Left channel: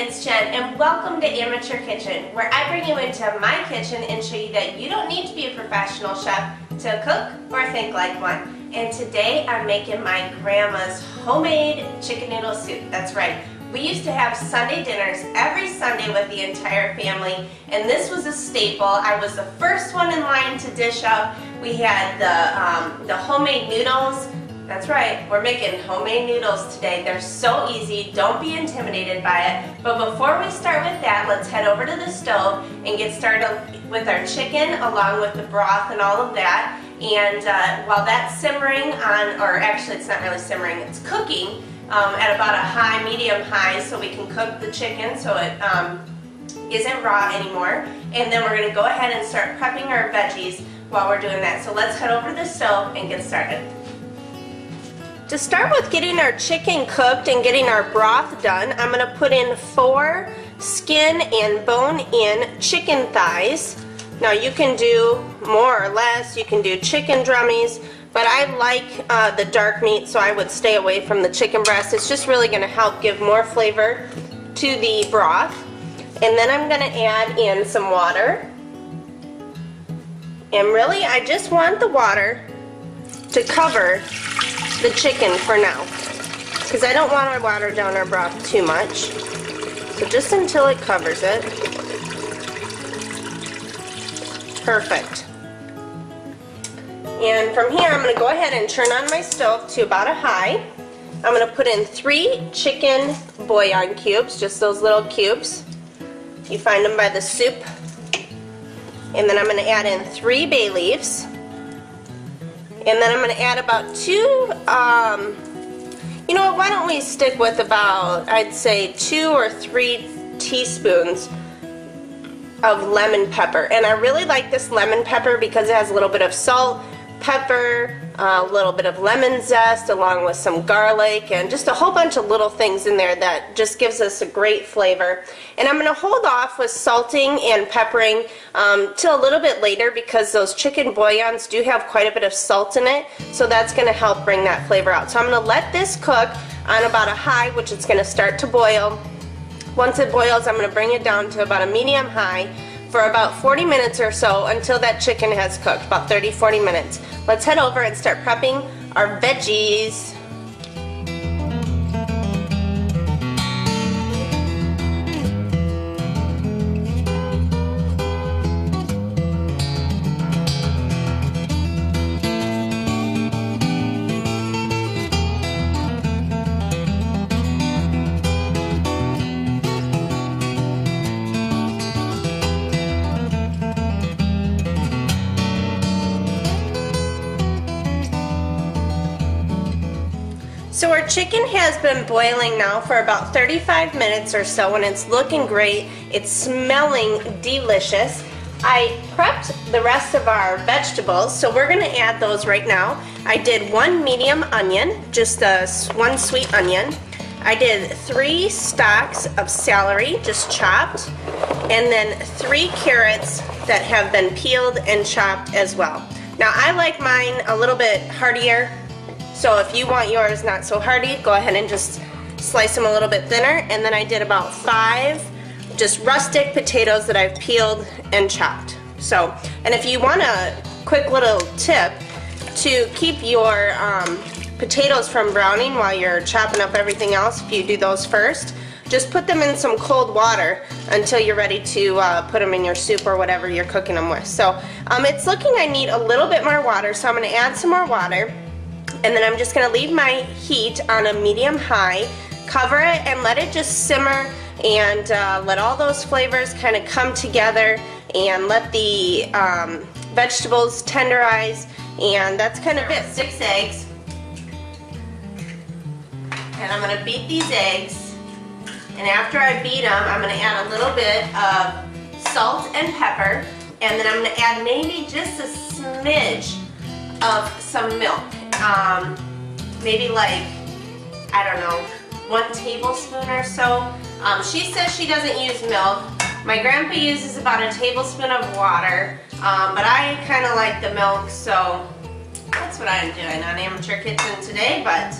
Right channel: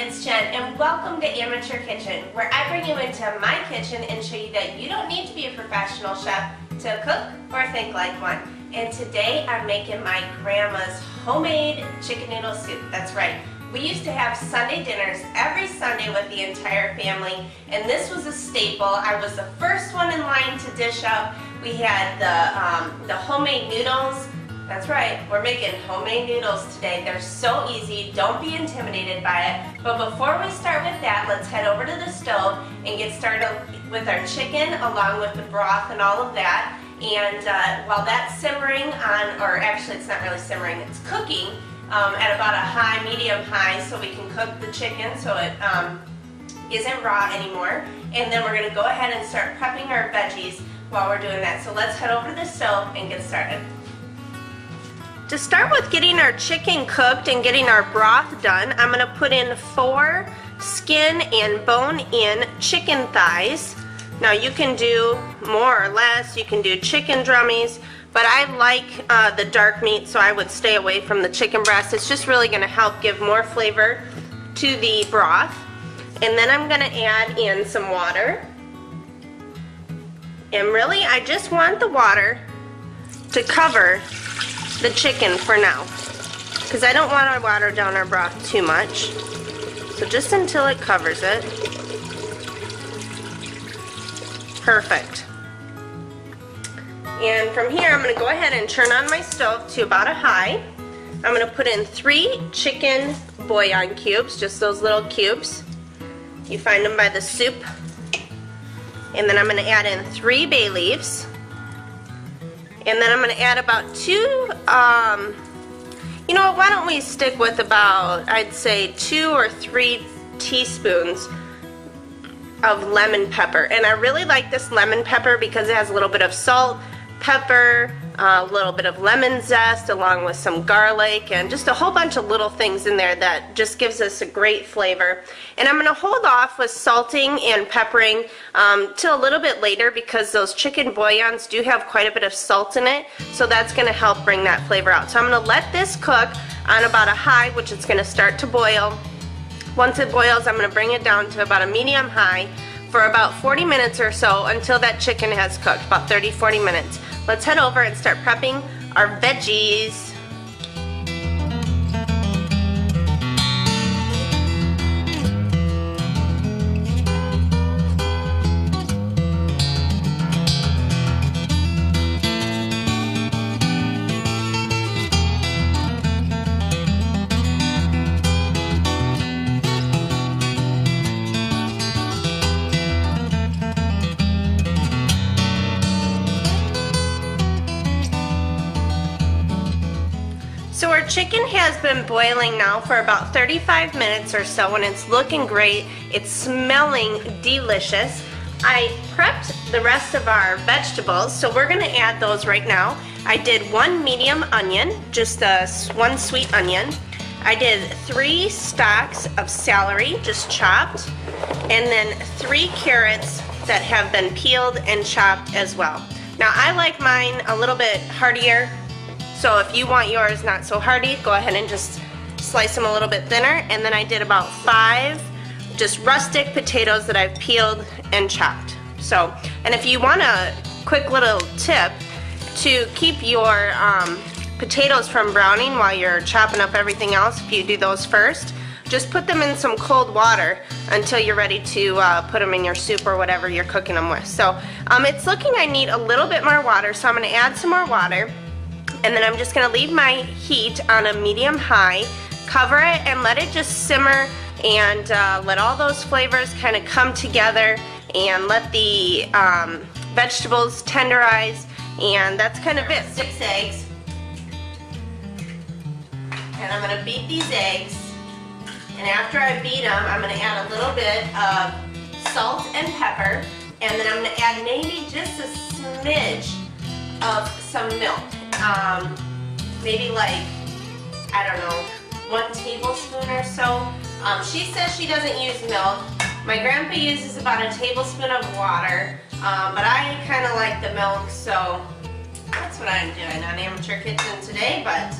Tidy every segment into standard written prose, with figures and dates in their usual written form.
it's Jen, and welcome to Amateur Kitchen, where I bring you into my kitchen and show you that you don't need to be a professional chef to cook or think like one. And today I'm making my grandma's homemade chicken noodle soup. That's right. We used to have Sunday dinners every Sunday with the entire family, and this was a staple. I was the first one in line to dish up. We had the homemade noodles. That's right, we're making homemade noodles today. They're so easy, don't be intimidated by it. But before we start with that, let's head over to the stove and get started with our chicken along with the broth and all of that. And while that's simmering on, or actually it's not really simmering, it's cooking at about a medium high, so we can cook the chicken so it isn't raw anymore. And then we're gonna go ahead and start prepping our veggies while we're doing that. So let's head over to the stove and get started. To start with getting our chicken cooked and getting our broth done, I'm going to put in 4 skin and bone-in chicken thighs. Now you can do more or less, you can do chicken drummies, but I like the dark meat, so I would stay away from the chicken breast. It's just really going to help give more flavor to the broth. And then I'm going to add in some water. And really, I just want the water to cover the chicken for now, because I don't want to water down our broth too much. So just until it covers it. Perfect. And from here I'm going to go ahead and turn on my stove to about a high. I'm going to put in 3 chicken bouillon cubes, just those little cubes. You find them by the soup. And then I'm going to add in 3 bay leaves. And then I'm going to add about 2, you know what, why don't we stick with about, I'd say 2 or 3 teaspoons of lemon pepper. And I really like this lemon pepper because it has a little bit of salt, pepper, a little bit of lemon zest along with some garlic and just a whole bunch of little things in there that just gives us a great flavor. And I'm going to hold off with salting and peppering till a little bit later because those chicken bouillons do have quite a bit of salt in it, so that's going to help bring that flavor out. So I'm going to let this cook on about a high, which it's going to start to boil. Once it boils, I'm going to bring it down to about a medium high for about 40 minutes or so until that chicken has cooked, about 30-40 minutes. Let's head over and start prepping our veggies. So our chicken has been boiling now for about 35 minutes or so, and it's looking great. It's smelling delicious. I prepped the rest of our vegetables, so we're going to add those right now. I did 1 medium onion, just 1 sweet onion. I did 3 stalks of celery, just chopped, and then 3 carrots that have been peeled and chopped as well. Now I like mine a little bit heartier, so if you want yours not so hearty, go ahead and just slice them a little bit thinner. And then I did about 5 just rustic potatoes that I've peeled and chopped. So, and if you want a quick little tip to keep your potatoes from browning while you're chopping up everything else, if you do those first, just put them in some cold water until you're ready to put them in your soup or whatever you're cooking them with. So it's looking I need a little bit more water, so I'm going to add some more water. And then I'm just going to leave my heat on a medium high, cover it, and let it just simmer and let all those flavors kind of come together and let the vegetables tenderize, and that's kind of it. 6 eggs. And I'm going to beat these eggs, and after I beat them, I'm going to add a little bit of salt and pepper, and then I'm going to add maybe just a smidge of some milk. Maybe like, I don't know, 1 tablespoon or so. She says she doesn't use milk. My grandpa uses about a tablespoon of water, but I kind of like the milk, so that's what I'm doing on Amateur Kitchen today. But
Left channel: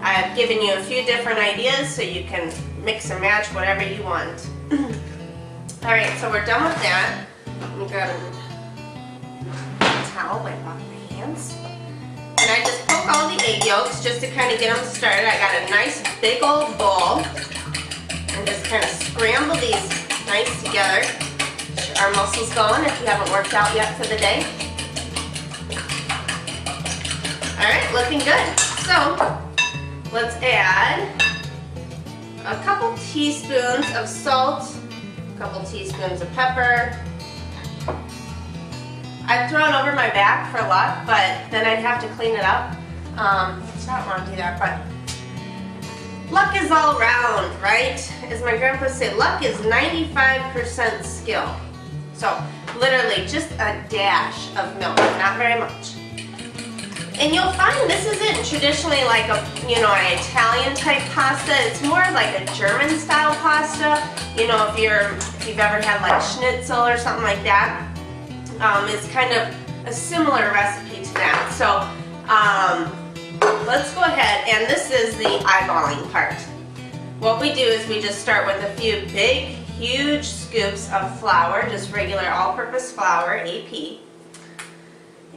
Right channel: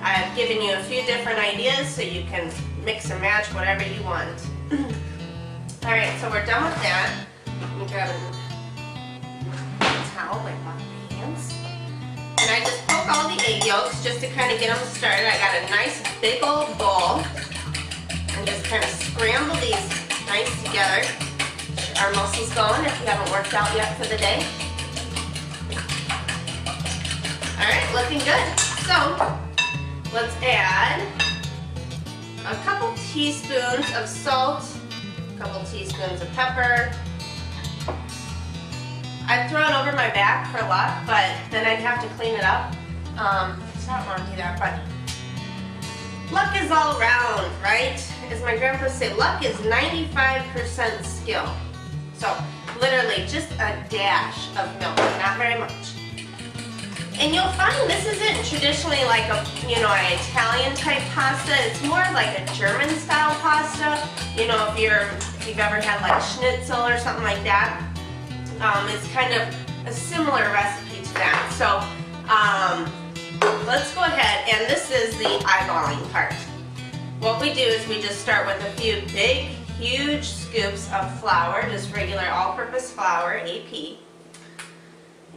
I've given you a few different ideas so you can mix and match whatever you want. Alright, so we're done with that. Let me grab a towel, wipe off my hands. And I just poke all the egg yolks just to kind of get them started. I got a nice big old bowl. And just kind of scramble these nice together. Get our muscles going if you haven't worked out yet for the day. Alright, looking good. So, let's add a couple teaspoons of salt, a couple teaspoons of pepper. I'd throw it over my back for luck, but then I'd have to clean it up. So I don't want to do that, but luck is all around, right? As my grandpa said, luck is 95% skill. So literally just a dash of milk, not very much. And you'll find this isn't traditionally like a, an Italian type pasta. It's more like a German style pasta. If you've ever had like schnitzel or something like that, it's kind of a similar recipe to that. So let's go ahead, and this is the eyeballing part. What we do is we just start with a few big, huge scoops of flour, just regular all-purpose flour, AP,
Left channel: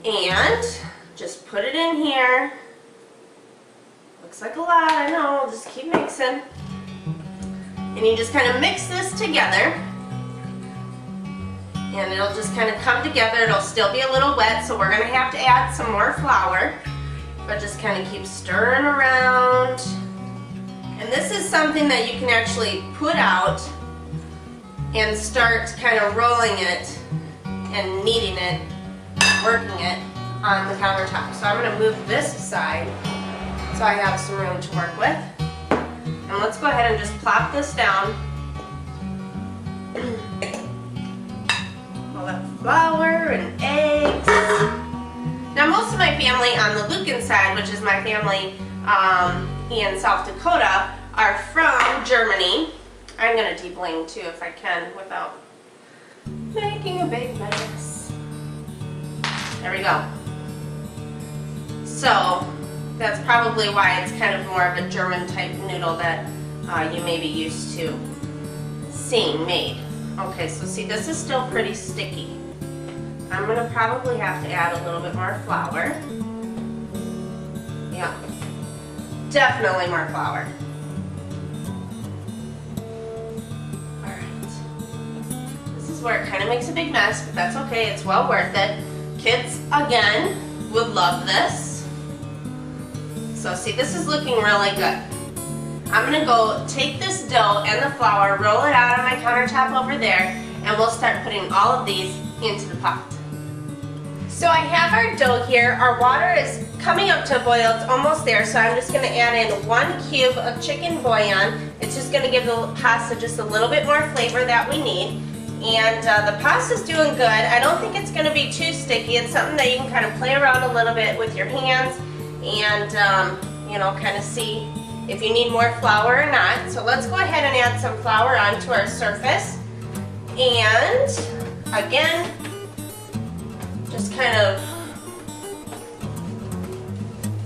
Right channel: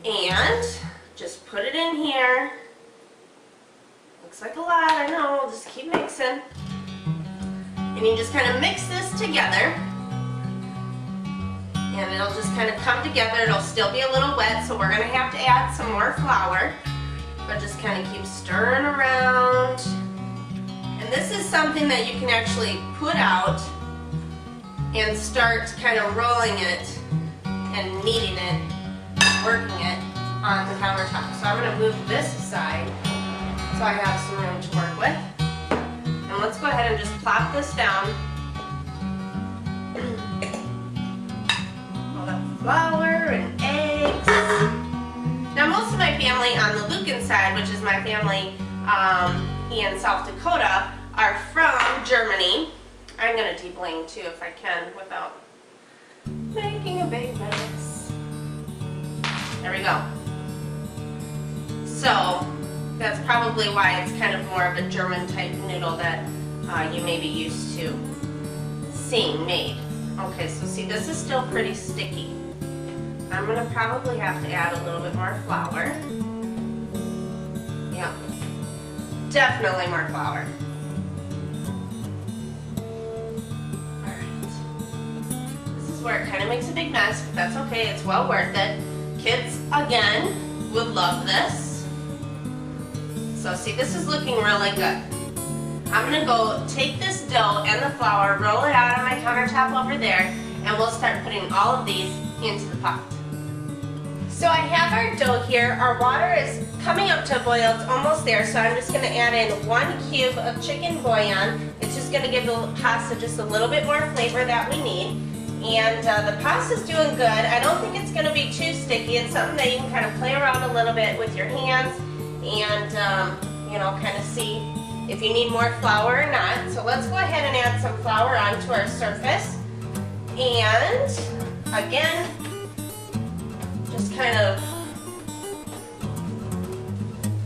and just put it in here. Looks like a lot, I know, just keep mixing. And you just kind of mix this together, and it'll just kind of come together. It'll still be a little wet, so we're going to have to add some more flour, but just kind of keep stirring around. And this is something that you can actually put out and start kind of rolling it and kneading it, working it on the countertop. So I'm going to move this aside so I have some room to work with. And let's go ahead and just plop this down. All that flour and eggs. Now most of my family on the Lucan side, which is my family in South Dakota, are from Germany. I'm going to debling too if I can without making a big mess. There we go. So that's probably why it's kind of more of a German type noodle that you may be used to seeing made. Okay, so see, this is still pretty sticky. I'm going to probably have to add a little bit more flour. Yeah, definitely more flour. Alright. This is where it kind of makes a big mess, but that's okay. It's well worth it. Kids, again, would love this. So see, this is looking really good. I'm going to go take this dough and the flour, roll it out on my countertop over there, and we'll start putting all of these into the pot. So I have our dough here. Our water is coming up to a boil. It's almost there, so I'm just going to add in 1 cube of chicken bouillon. It's just going to give the pasta just a little bit more flavor that we need. And the pasta's doing good. I don't think it's going to be too sticky. It's something that you can kind of play around a little bit with your hands and kind of see if you need more flour or not. So let's go ahead and add some flour onto our surface. And again, just kind of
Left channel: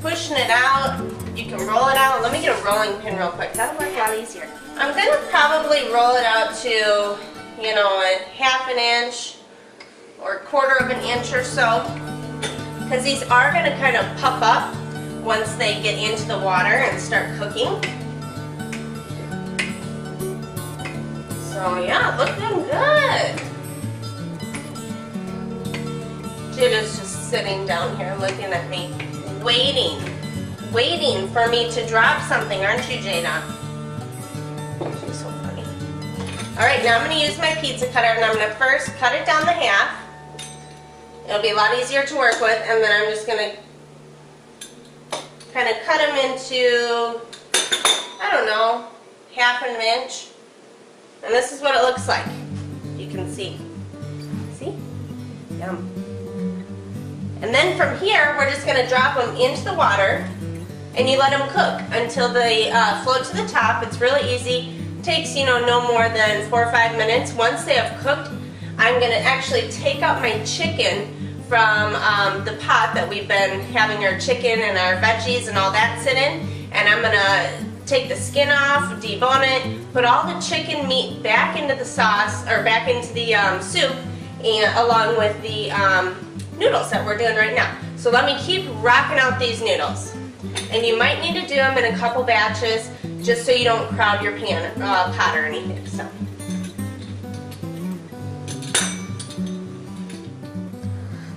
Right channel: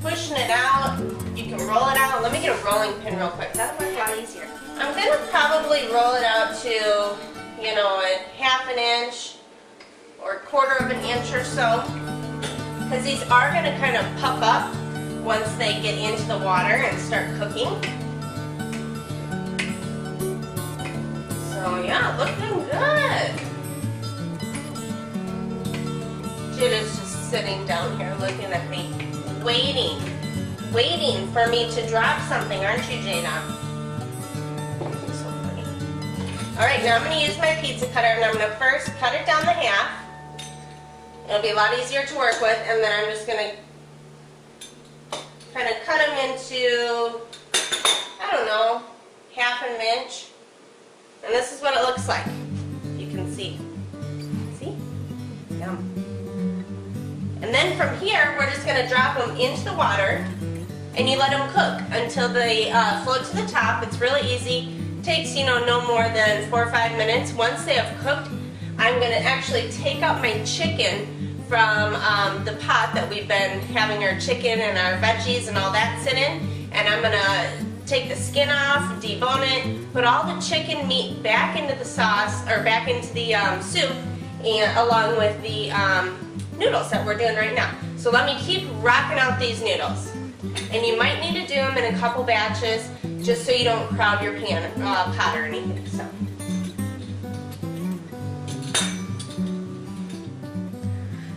pushing it out. You can roll it out. Let me get a rolling pin real quick. That'll work a lot easier. I'm going to probably roll it out to, a ½ an inch or 1/4 of an inch or so, because these are going to kind of puff up once they get into the water and start cooking. So yeah, looking good. Jid is just sitting down here looking at me, waiting for me to drop something, aren't you, Jada? So funny. Alright, now I'm going to use my pizza cutter, and I'm going to first cut it down the half. It'll be a lot easier to work with, and then I'm just going to kind of cut them into, I don't know, ½ an inch. And this is what it looks like. You can see. See? Yum. And then from here, we're just going to drop them into the water, and you let them cook until they float to the top. It's really easy. It takes, no more than 4 or 5 minutes. Once they have cooked, I'm going to actually take out my chicken from the pot that we've been having our chicken and our veggies and all that sit in, and I'm going to take the skin off, debone it, put all the chicken meat back into the sauce, or back into the soup, and along with the noodles that we're doing right now. So let me keep rocking out these noodles. And you might need to do them in a couple batches, just so you don't crowd your pot or anything.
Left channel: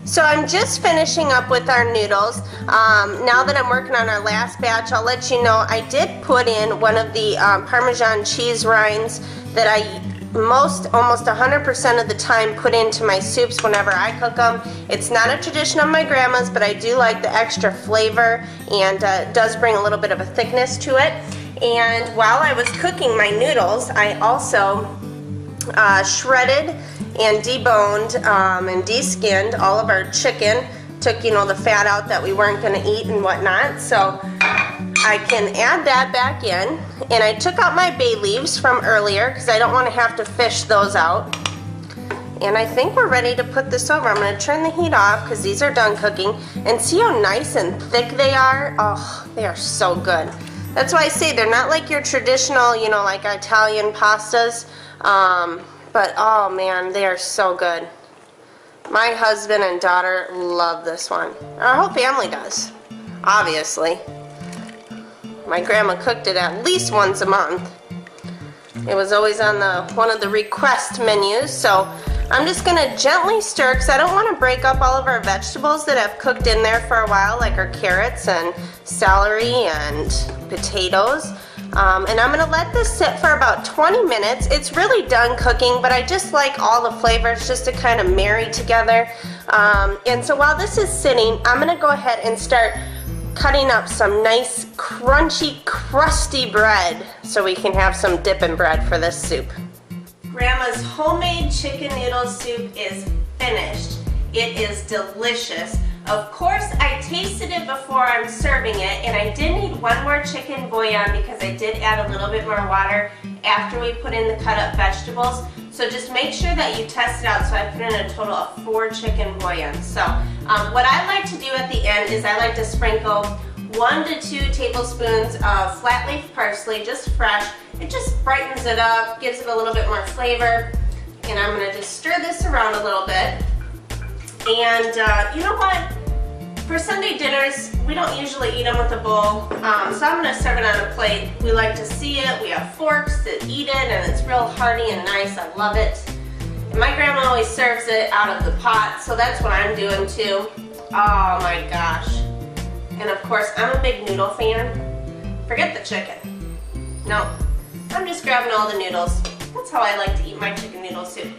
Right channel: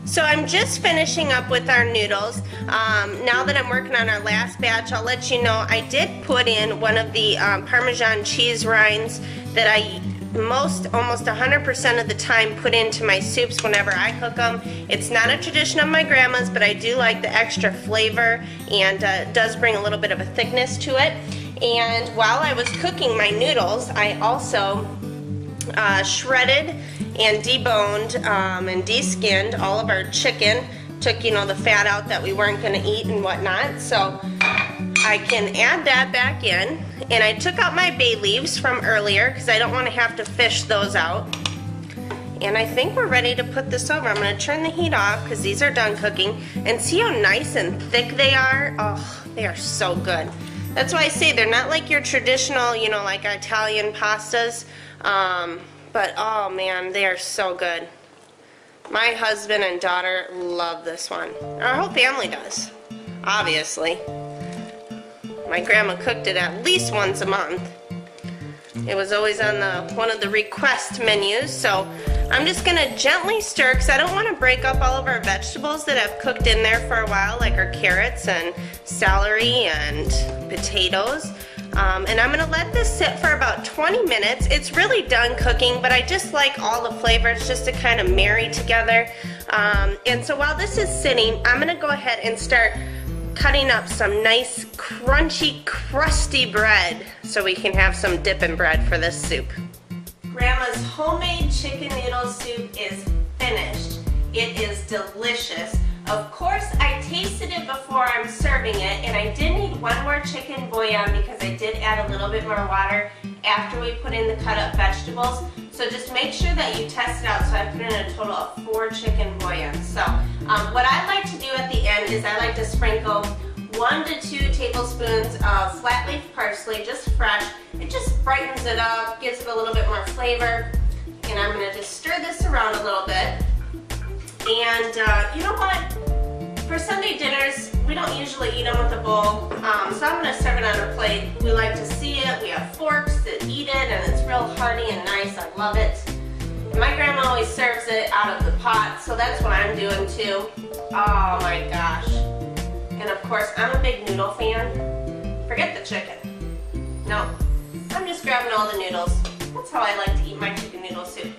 So I'm just finishing up with our noodles. Now that I'm working on our last batch, I'll let you know I did put in one of the Parmesan cheese rinds that I almost 100% of the time put into my soups whenever I cook them. It's not a tradition of my grandma's, but I do like the extra flavor, and it does bring a little bit of a thickness to it. And while I was cooking my noodles, I also shredded and deboned and de-skinned all of our chicken. Took, you know, the fat out that we weren't going to eat and whatnot. So I can add that back in. And I took out my bay leaves from earlier because I don't want to have to fish those out. And I think we're ready to put this over. I'm going to turn the heat off because these are done cooking. And see how nice and thick they are? Oh, they are so good. That's why I say they're not like your traditional, you know, like Italian pastas. But oh man, they are so good. My husband and daughter love this one. Our whole family does, obviously. My grandma cooked it at least once a month. It was always on one of the request menus, so I'm just going to gently stir because I don't want to break up all of our vegetables that have cooked in there for a while, like our carrots and celery and potatoes. And I'm going to let this sit for about 20 minutes. It's really done cooking, but I just like all the flavors just to kind of marry together. And so while this is sitting, I'm going to go ahead and start cutting up some nice crunchy, crusty bread so we can have some dipping bread for this soup. Grandma's homemade chicken noodle soup is finished. It is delicious. Of course, I tasted it before I'm serving it, and I did need one more chicken bouillon because I did add a little bit more water after we put in the cut up vegetables. So just make sure that you test it out. So I put in a total of 4 chicken bouillons. So what I like to do at the end is I like to sprinkle 1 to 2 tablespoons of flat leaf parsley, just fresh. It just brightens it up, gives it a little bit more flavor. And I'm going to just stir this around a little bit. And you know what? For Sunday dinners, we don't usually eat them with a bowl, so I'm going to serve it on a plate. We like to see it. We have forks that eat it, and it's real hearty and nice. I love it. And my grandma always serves it out of the pot, so that's what I'm doing too. Oh my gosh. And of course, I'm a big noodle fan. Forget the chicken. No, I'm just grabbing all the noodles. That's how I like to eat my chicken noodle soup.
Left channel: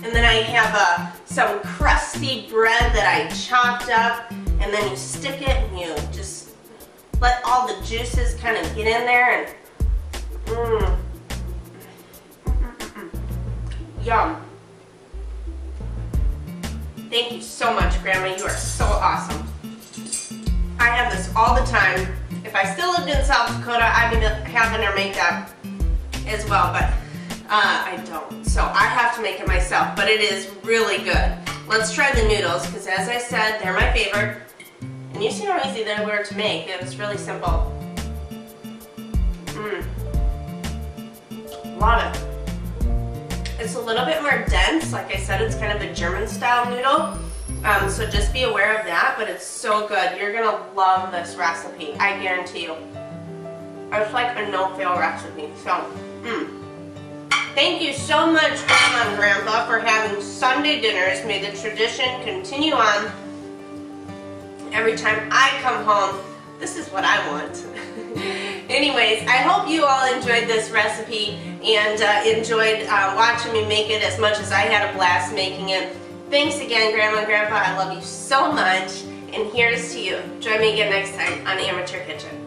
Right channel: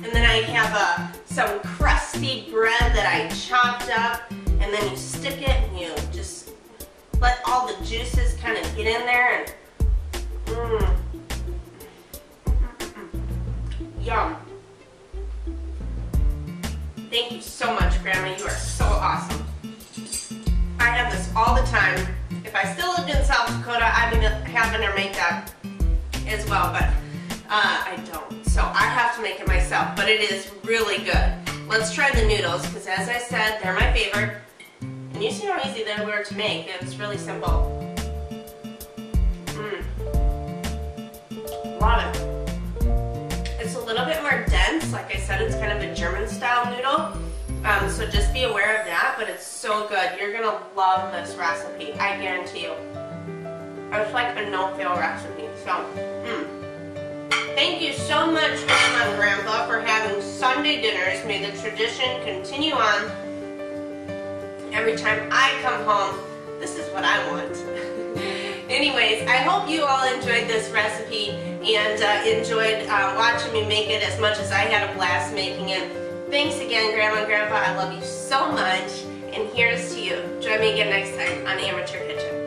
And then I have some crusty bread that I chopped up, and then you stick it and you just let all the juices kind of get in there and yum. Thank you so much, Grandma. You are so awesome. I have this all the time. If I still lived in South Dakota, I'd be having her make that as well, but I don't. So I have to make it myself, but it is really good. Let's try the noodles, because as I said, they're my favorite. And you see how easy they were to make. It was really simple. Love it. It's a little bit more dense. Like I said, it's kind of a German style noodle. So just be aware of that, but it's so good. You're gonna love this recipe, I guarantee you. It's like a no-fail recipe, so, Thank you so much, Grandma and Grandpa, for having Sunday dinners. May the tradition continue on. Every time I come home, this is what I want. Anyways, I hope you all enjoyed this recipe and enjoyed watching me make it as much as I had a blast making it. Thanks again, Grandma and Grandpa. I love you so much. And here's to you. Join me again next time on Amateur Kitchen.